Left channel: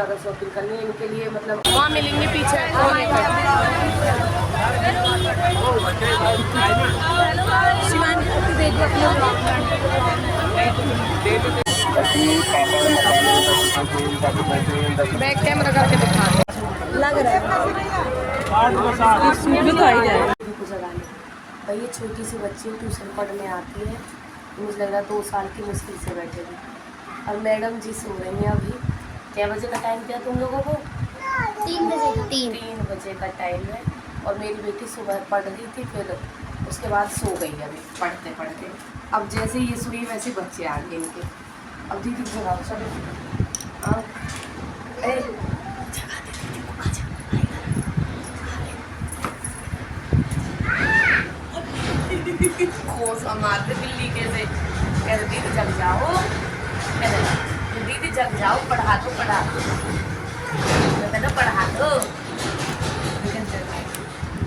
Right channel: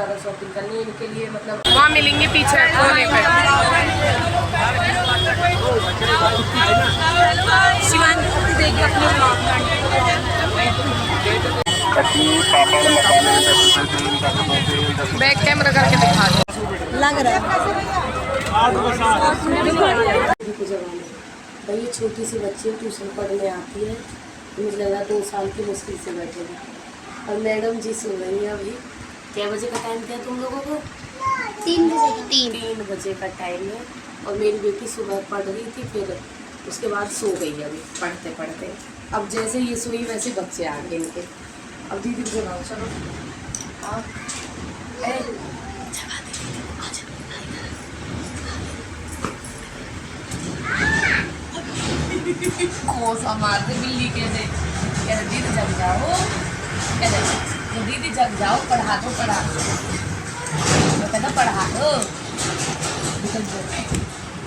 ज़्यादा शॉपिंग करनी है इनके लिए, मतलब वहाँ मिलेंगे पीछे कोने पे। बैक कैमरा करके दिखा दे लग रहा है। भाई छोटी सी बच्ची ट्यूशन पढ़ने आती है, मुझे लग रहा है 2 साल की मुश्किल से बैठे थे। और मैडम जी सो रही हैं अभी। क्या बजे का टाइम दिया तुम लोगों को? 3 बजे। 3 बजे का टाइम है। और मेरी बेटी सुबह पढ़ रही थी, फिर उसके बाद सो गई अभी पढ़ते पढ़ते। अब जैसे ये सोई वैसे बच्चे आ गए इनके। अब दीदी को जगाओ, चलो। हाँ जगा दे दीदी को, आजा खोसा मारते बिल्ली कैसे। कह रहे दीदी जग जाओ, कह रहे दीदी जग जाओ, पढ़ा दो पढ़ा दो, कहना पढ़ा दो।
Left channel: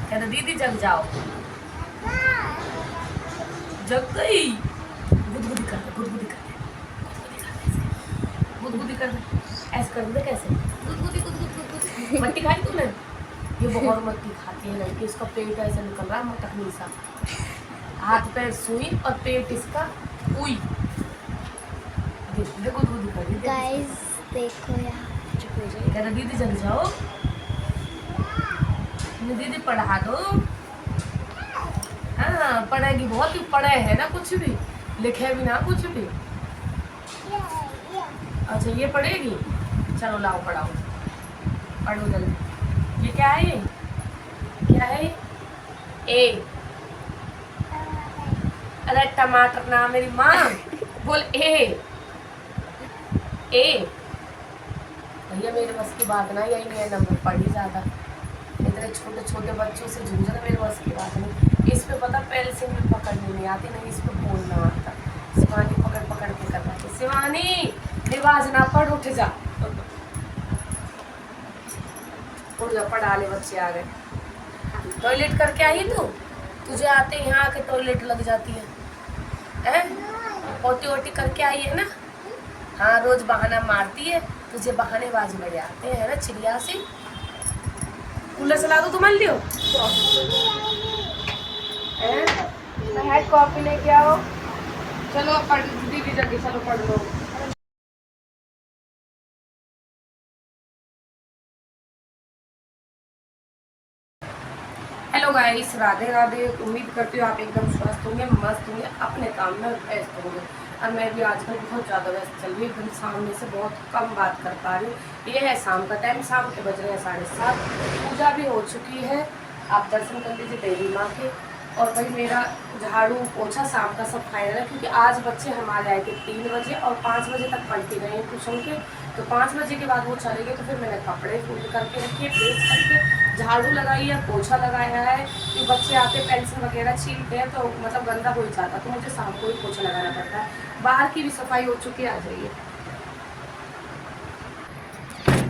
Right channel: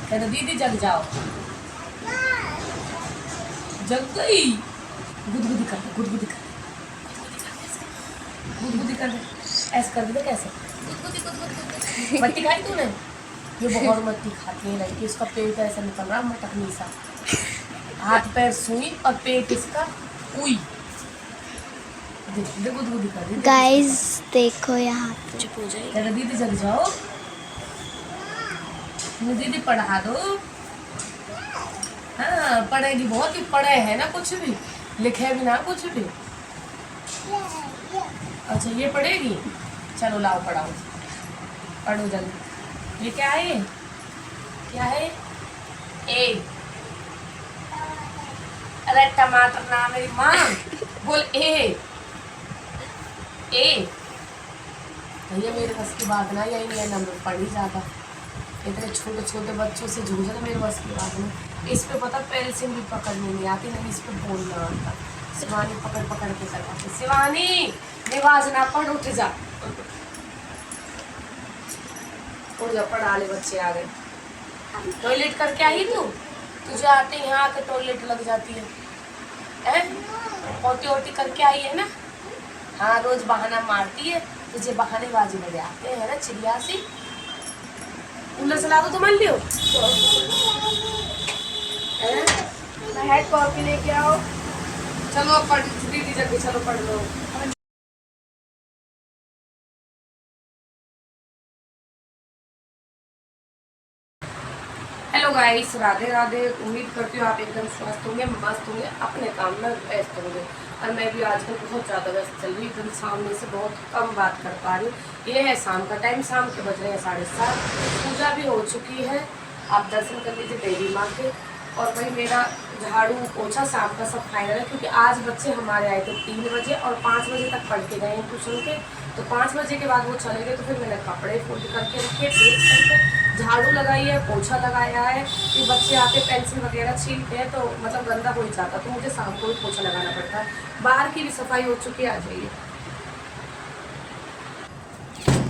कहना दीदी जग जाओ, जग गई। गुदगुदी कर दे, गुदगुदी कर दे, गुदगुदी कर दे, ऐसे कर दे। कैसे गुदगुदी गुदगुदी? मट्टी खाई तूने? ये बहुत मट्टी खाती है लड़की, इसका पेट ऐसा निकल रहा मटकनी सा, हाथ पैर सुई और पेट इसका उई। देखिए गुदगुदी कर दी गाइस देखो यहाँ चुप हो जाए। कहना दीदी जग जाओ, दीदी पढ़ा दो। हाँ पढ़ेगी बहुत, ही पढ़े है ना, कुछ भी लिखे भी ना कुछ भी। अच्छा ये पढ़ेगी, चलो लाओ पढ़ाओ, पढ़ो जल्दी। ये क्या है? ये क्या है? ए। अरे टमाटर ना मेरी माँ, बोल ए। ए भैया मेरे बस की बात ना, यही नहीं नंबर पढ़ी ज़्यादा, इतने छोटे छोटे बच्चों से जूझना मेरे बस की बात नहीं। इस पे पता पेंसिल भी पकड़नी नहीं आती, नहीं इस पे बोलना आता। शिवानी पकड़ पकड़ के करवाती। शिवानी निवाज ना पढ़, उठ जा, उठ जा, पढ़ा ले, बच्चे आ गए। टॉयलेट करके आई तू? तुझे आते यहाँ आके टॉयलेट लग जाती है, पोटी वोटी करके आई है ना? हाँ रोज बहाना मारती है, तुझे बहानेबाजी में आते हैं ना चिड़िया सी। कूलर चला दो, तुम लियो हेड कॉफी लेके आओ। चलो पढ़ दीदी जल्दी, चलो पढ़ लो। Hello guys, Radhe Radhe. उम्मीद करती हूँ आप एकदम स्वस्थ होंगे, मस्त होंगे, अपने काम में व्यस्त होंगे। और मैं भी आजकल बहुत ज़्यादा व्यस्त चल रही हूँ, एकदम सामने से बहुत कम बात कर पा रही हूँ। ये है शाम का टाइम, शाम के बज रहे हैं 7:30। पूजा भी हो चुकी है, आप दर्शन कर लीजिए देवी माँ के। और भाई मेरा झाड़ू पोछा शाम का सब फाइनल है, क्योंकि आज बच्चे हमारे आए थे 3 बजे और 5 बजे तक पढ़ के गए ट्यूशन के। तो 5 बजे के बाद वो चले गए, तो फिर मैंने कपड़े फोल्ड करके रखे, प्रेस करके झाड़ू लगाई है, पोछा लगाया है। कि बच्चे आके पेंसिल वगैरह छीलते हैं तो मतलब गंदा हो ही जाता, तो मुझे शाम को ही पोछा लगाना पड़ता है। बाहर की भी सफाई हो चुकी है, आ जाइए।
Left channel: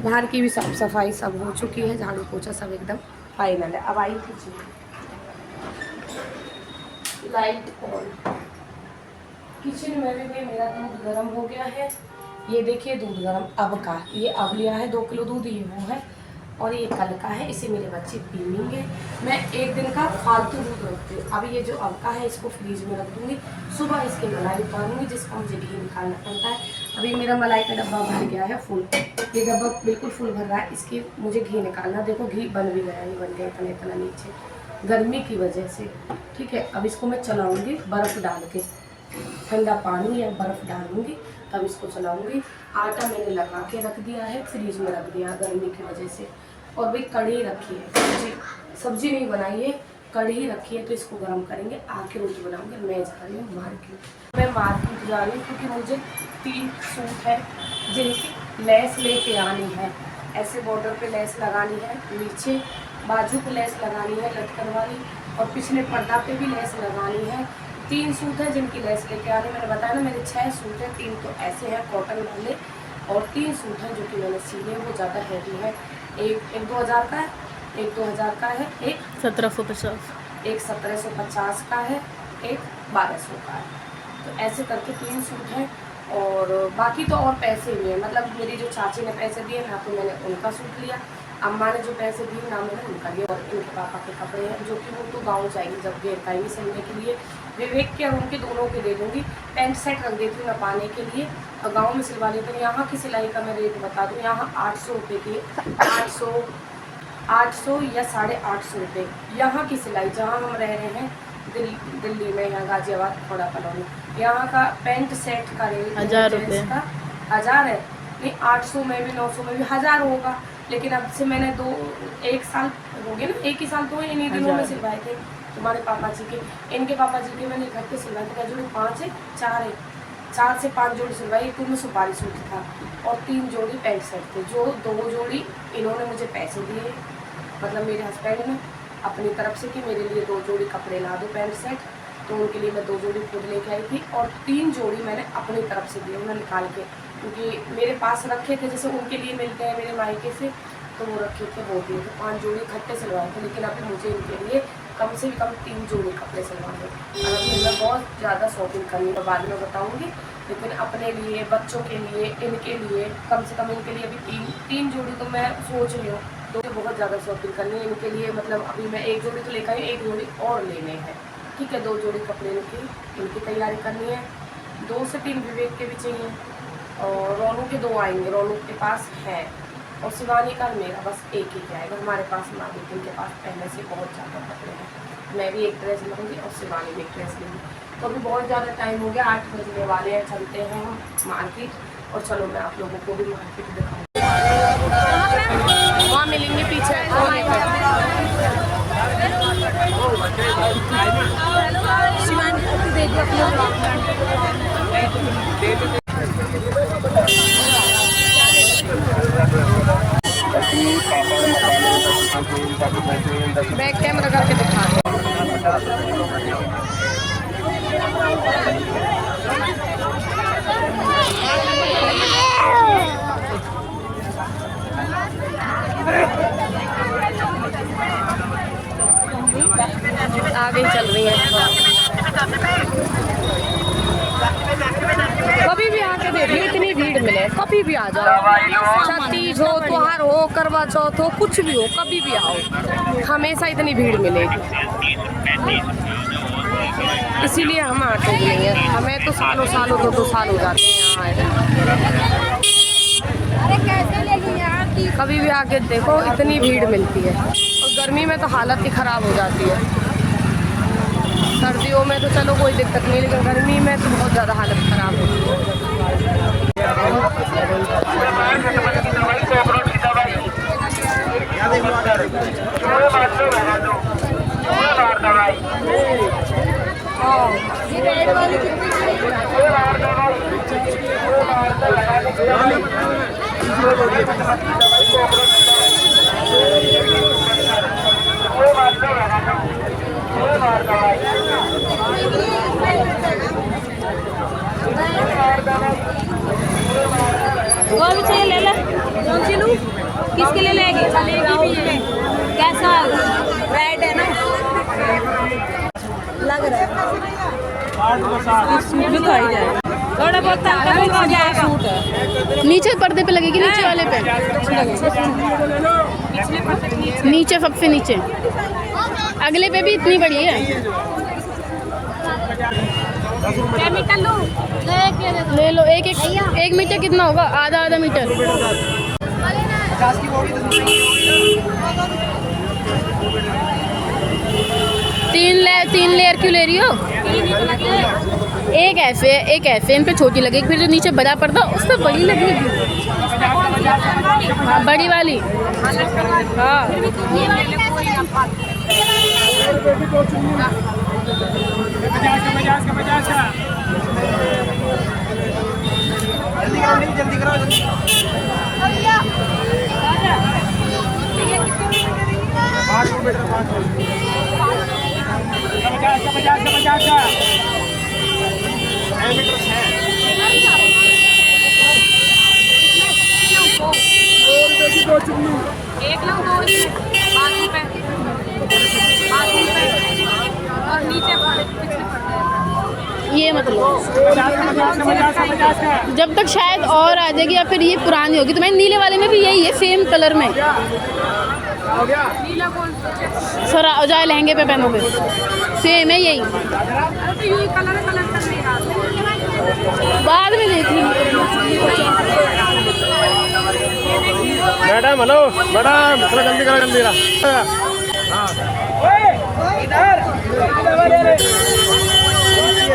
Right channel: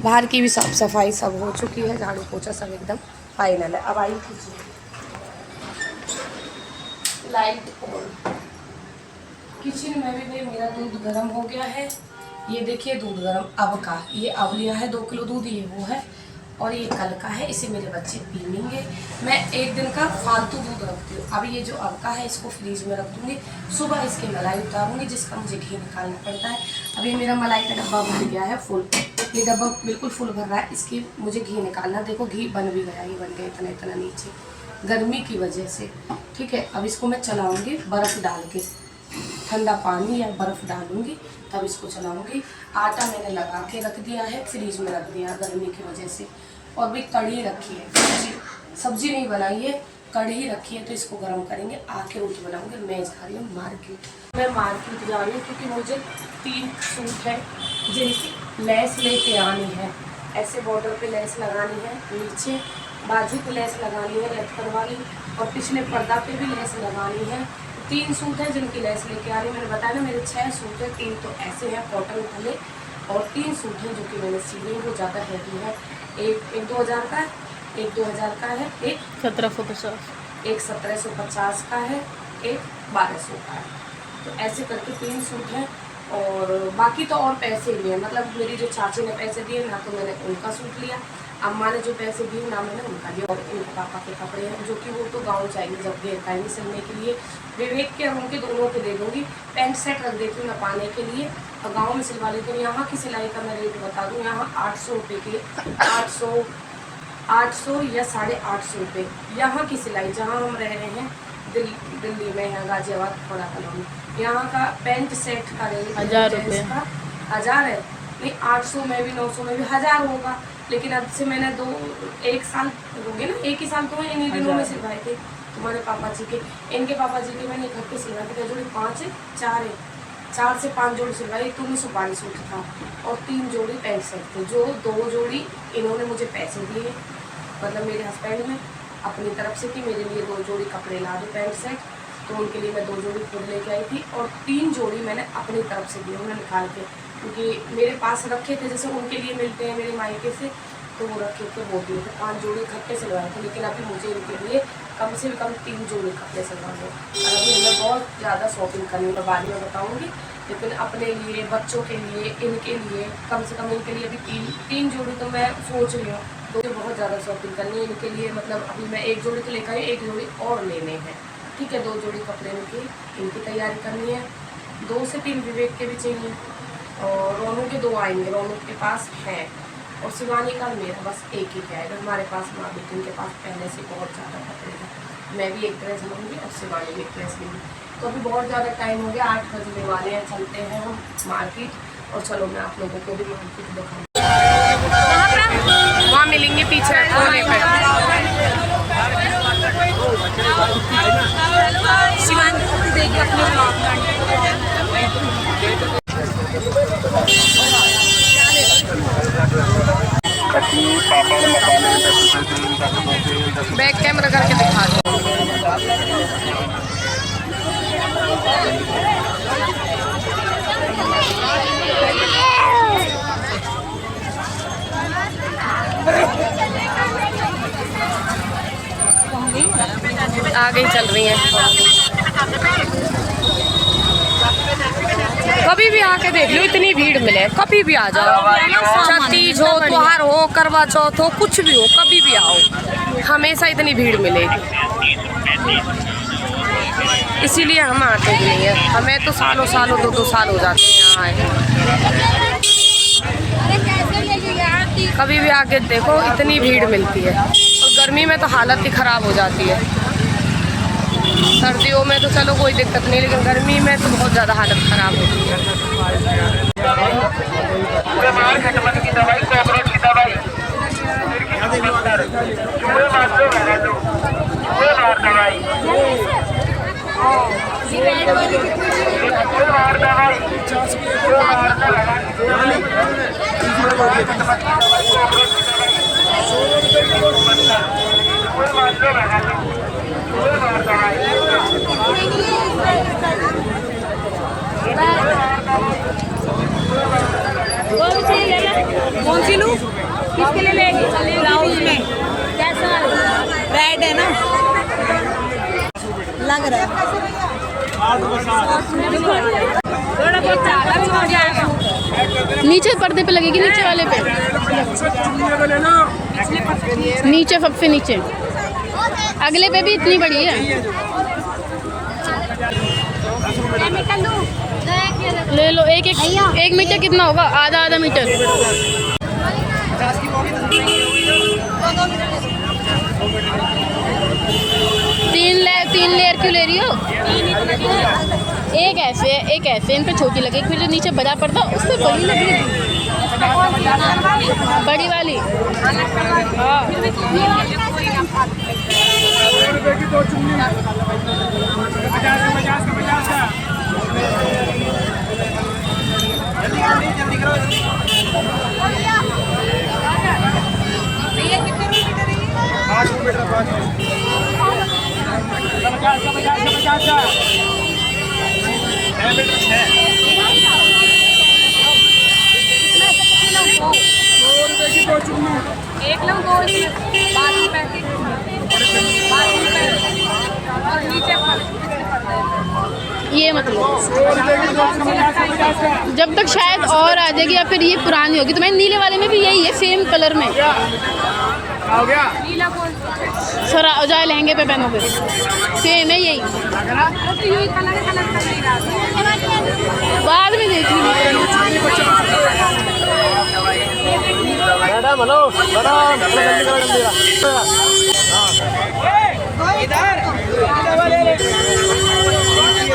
बाहर की भी साफ सफाई सब हो चुकी है, झाड़ू पोछा सब एकदम फाइनल है। अब आई कीजिए लाइट ऑन। किचन में भी मेरा दूध गर्म हो गया है, ये देखिए दूध गर्म अब का, ये अब लिया है 2 किलो दूध, ये वो है। और ये कल का है, इसे मेरे बच्चे पी लेंगे। मैं 1 दिन का फालतू दूध रखती हूँ। अब ये जो अब का है इसको फ्रीज में रख दूँगी, सुबह इसकी मलाई उतारूँगी, जिसका मुझे घी निकालना पड़ता है। अभी मेरा मलाई का डब्बा भर गया है फुल, ये डब्बा बिल्कुल फुल भर रहा है, इसकी मुझे घी निकालना। देखो घी बन भी गया, ये बन गया इतना इतना नीचे, गर्मी की वजह से। ठीक है, अब इसको मैं चलाऊँगी बर्फ़ डाल के, ठंडा पानी या बर्फ़ डालूंगी तब इसको चलाऊंगी। आटा मैंने लगा के रख दिया है, फ्रीज में रख दिया गर्मी की वजह से। और भाई कढ़ी रखी है, सब्जी नहीं बनाई है, कढ़ी रखी है, तो इसको गर्म करेंगे, आके रोटी बनाऊंगे। मैं जा रही हूँ मार्केट, मैं मार्केट जा रही हूँ क्योंकि मुझे 3 सूट है जिनकी लेस लेके आनी है। ऐसे बॉर्डर पे लेस लगानी है, नीचे बाजू पे लेस लगानी है लटकन वाली, और पिछले पर्दा पे भी लेस लगानी है। 3 सूट हैं जिनकी लेस लेके आ रही है। मैंने बताया ना मेरे 6 सूट हैं, 3 तो ऐसे हैं कॉटन वाले, और 3 सूट हैं जो कि मैंने सिले, वो ज़्यादा हैवी है। एक 2000 का है, एक 2000 का है, एक 1750, एक 1750 का है, एक 1200 का है। तो ऐसे करके 3 सूट हैं और बाकी तो और पैसे भी हैं, मतलब मेरी जो चाची ने पैसे दिए ना, तो मैंने उनका सूट लिया, अम्मा ने जो पैसे दिए ना मैंने उनका लिया। और इनके पापा के कपड़े हैं जो कि वो तो गाँव जाएंगे जब घेर पाएंगे सिलने के लिए। विवेक के और उनके दोनों के दे दूँगी। पैंट सेट रख देती हूँ ना पाने के लिए, और गाँव में सिलवा लेती हूँ। यहाँ की सिलाई का मैं रेट बता दूँ, यहाँ 800 रुपये की, 800 या 850 रुपये यहाँ की सिलाई। जहाँ हम रह रहे हैं दिल्ली में, यहाँ गाजियाबाद थोड़ा कॉलोनी, यहाँ का पैंट सेट का रेट 1000 रुपये का 1000 है। नहीं 800 में भी 900 में भी 1000 होगा। लेकिन अब से मैंने एक साल हो गए ना, एक ही साल तो इन्हीं दिनों में सिलवाए थे तुम्हारे पापा जी के। इनके पापा जी के मैंने इकट्ठे सिलवाए थे, क्या जोड़ी 5 है, 4 है, 4 से 5 जोड़ी सिलवाई। एक उनमें सुपारी सूट था और 3 जोड़ी पैंट सेट थे, जो 2 जोड़ी इन्होंने मुझे पैसे दिए, मतलब मेरे हस्बैंड ने अपनी तरफ से कि मेरे लिए 2 जोड़ी कपड़े ला दो पैंट सेट, तो उनके लिए मैं 2 जोड़ी खुद लेके आई थी। और 3 जोड़ी मैंने अपनी तरफ से दिए उन्हें निकाल के, क्योंकि मेरे पास रखे थे, जैसे उनके लिए मिलते हैं मेरे मायके से, तो वो रखे थे, वो दिए थे। 5 जोड़ी इकट्ठे सिलवाए थे। लेकिन अभी मुझे इनके लिए कम से कम 3 जोड़ी कपड़े सिलवाने। और अभी मैं बहुत ज़्यादा शॉपिंग करनी है, बाद में बताऊँगी। लेकिन अपने लिए, बच्चों के लिए, इनके लिए, कम से कम इनके लिए अभी 3 जोड़ी तो मैं सोच रही हूँ। तो बहुत ज़्यादा शॉपिंग करनी है इनके लिए। मतलब अभी मैं 1 जोड़ी तो लेकर आई, 1 जोड़ी और लेने हैं, ठीक है। 2 जोड़ी कपड़े इनकी तैयारी करनी है। 2 से 3 विवेक के भी चाहिए, और रोनू के 2 आएंगे, रोनू के पास हैं। और शिवानी का मेरा बस एक ही आएगा। हमारे पास माँ बेटी के पास पहले से बहुत ज़्यादा कपड़े हैं। मैं भी एक ड्रेस लूँगी और शिवानी भी एक ड्रेस लूँगी। तो अभी बहुत ज़्यादा टाइम हो गया, 8 बजने वाले हैं। चलते हैं हम मार्केट, और चलो मैं आप लोगों को भी मार्केट दिखाऊँ। वहाँ मिलेंगे पीछे कोने पे। शिवानी देखिए अपने ब्लॉग बैक कैमरा करके दिखा दो। आगे ही चल रही हैं। कभी भी आके देख लो, इतनी भीड़ मिले, कभी भी आ जाओ। छत्तीस हो, त्योहार हो, करवा चौथ हो, कुछ भी हो, कभी भी आओ, हमेशा इतनी भीड़ मिलेगी। इसीलिए हम आते भी नहीं है। हमें तो सालों 2-2 साल हो जाते हैं यहाँ आए। कभी भी आके देखो, इतनी भीड़ मिलती है। और गर्मी में तो हालत ही ख़राब हो जाती है। सर्दियों में तो चलो कोई दिक्कत नहीं, लेकिन गर्मी में तो बहुत ज़्यादा हालत ख़राब होती है। किसके लिए लेगी? चलेगी भी है। कैसा रेड है ना, लग रहा है। नीचे पर्दे पे लगेगी, नीचे वाले पे, नीचे सबसे नीचे, अगले पे भी इतनी बड़ी है। ले लो। एक मीटर कितना होगा? आधा मीटर। 3 लेयर क्यों ले रही हो? एक ऐसे इन पे छोटी लगेगी, फिर जो नीचे बड़ा पर्दा उस पर बड़ी लगेगी, बड़ी वाली। हाँ जल्दी करो। एक लो, 2 बाजू पे और नीचे ये मतलब जब तक शायद और आ जाएगी या फिर ये पुरानी होगी। तो मैं नीले वाले में भी यही है, सेम कलर में। नीला कौन सा? सर जाए लहंगे पे पहनोगे, सेम है यही। अरे तो यही कलर कर नहीं रहा था। बाद में देखी। मैडम हेलो मैडम, जल्दी करो जल्दी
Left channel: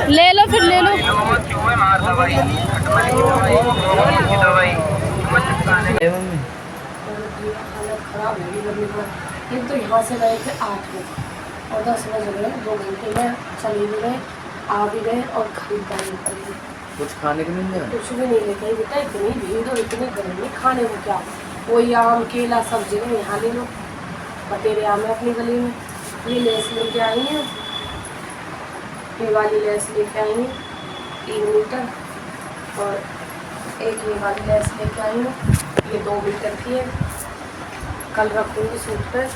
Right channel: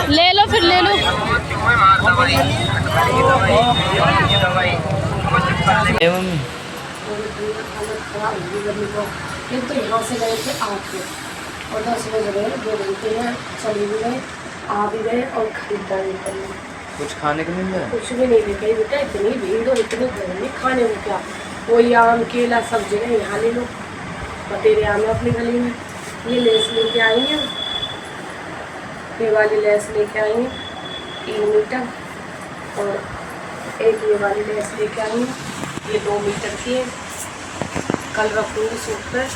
ले लो फिर ले लो। मम्मी हालत खराब होगी गर्मी को। एक तो यहाँ से गए थे 8 बजे और 10 बजे गए, 2 घंटे में चली भी गए, आ भी गए और खरीदारी कर ली। कुछ खाने को मिल जाए? कुछ भी नहीं लेके बेटा, इतनी भीड़ और इतनी गर्मी, खाने को क्या, वही आम केला सब जगह यहाँ ले लो। बतेरे आम है अपनी गली में। ये लेस लेके आई हूँ, ये वाली लेस लेके आई हूँ 3 मीटर, और एक ये वाली लेस लेके आई हूँ, ये 2 मीटर की है। कल रखूँगी सूट पर,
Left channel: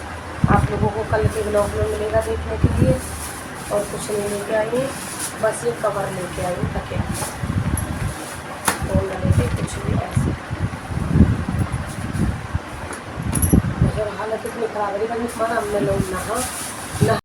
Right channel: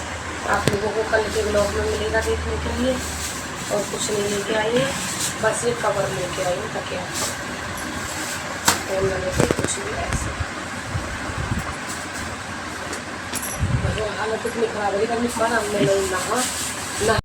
आप लोगों को कल के ब्लॉग में मिलेगा देखने के लिए। और कुछ नहीं लेके आई है, बस ये कवर लेके आई हूँ तकिया, और मैंने कुछ भी ऐसे। हालत इतनी खराब है, गर्मी खाना हमने लोग नहा